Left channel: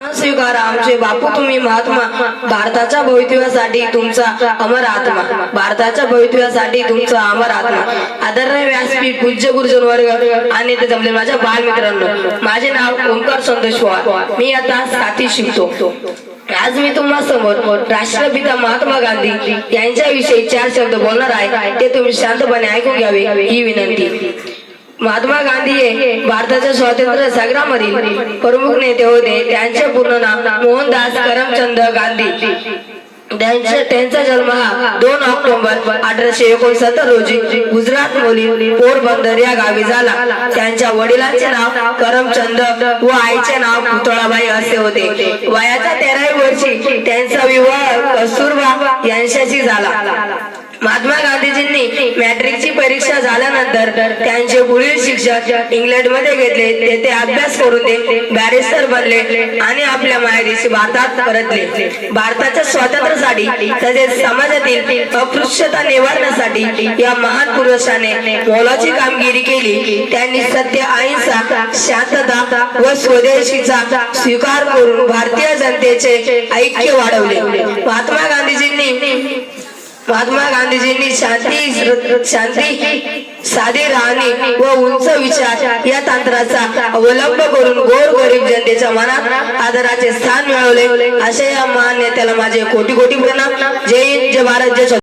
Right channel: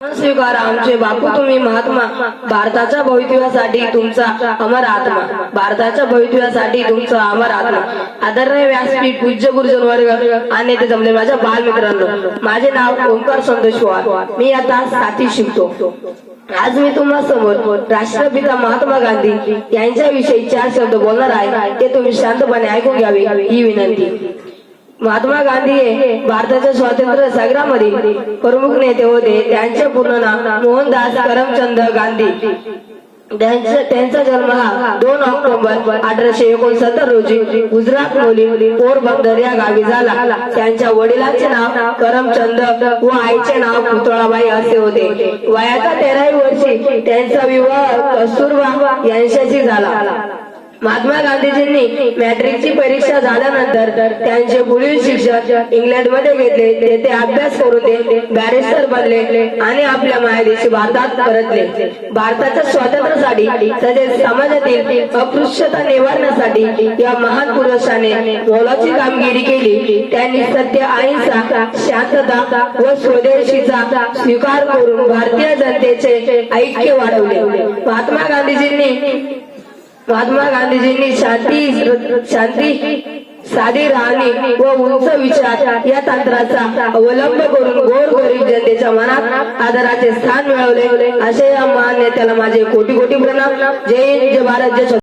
स्वीकार आमचे बापू तुम्ही महात्मा भारताच्या भवितव्यासाठी तुमचा अमर आत्मा भारताच्या भवितव्यासाठी तुमचा अमर आत्मा आदरणीय व्यासपीठ पूज्य गुरुजन वर्ग आणि ते जमले माझ्या बालमित्रांनो माझे नाव ओंकार संतोष पवार मी आता 7वी शिकतो। आज मी तुम्हा समोर राष्ट्रपिता महात्मा गांधी यांच्याविषयी 4 शब्द बोलणार आहे ते तुम्ही शांतपणे ऐकून घ्यावे ही विनंती। महात्मा गांधी हे भारताच्या स्वातंत्र्य संग्रामातील प्रमुख नेते होते। त्यांचे पूर्ण नाव मोहनदास करमचंद गांधी। त्यांचा जन्म हा 2 ऑक्टोबर 1869 रोजी गुजरात मधील पोरबंदर या गावी झाला। त्यांच्या वडिलांचे नाव करमचंद व आईचे नाव पुतळाबाई असे होते। वयाच्या 13व्या वर्षी त्यांचा विवाह कस्तुरबा यांच्याशी झाला। महात्मा गांधीजींनी मॅट्रिकची परीक्षा झाल्यानंतर त्यांचे पुढील शिक्षण इंग्लंडमध्ये घेतले। तेथे अभ्यास करून ते बॅरिस्टर बनले आणि आपल्या मायदेशी भारतात परतले। भारताच्या स्वातंत्र्यासाठी तसेच समाजातील अस्पृश्यता निवारण्यासाठी या महान पुरुषाने मोलाची कामगिरी केली। त्यांनी सत्य, अहिंसा, शांतता व स्वदेशीचा स्वीकार करून भारतीय जनतेचे ऐक्य वाढवले। महात्मा गांधीजींनी शांती साधी राहणी व उंच विचार या तंत्राचा अवलंब करून गोरगरीब जनतेच्या मनात आदराचे स्थान मिळवले। असे या महान नेत्याला माझे कोटी कोटी प्रणाम। जय हिंद, जय भारत, जय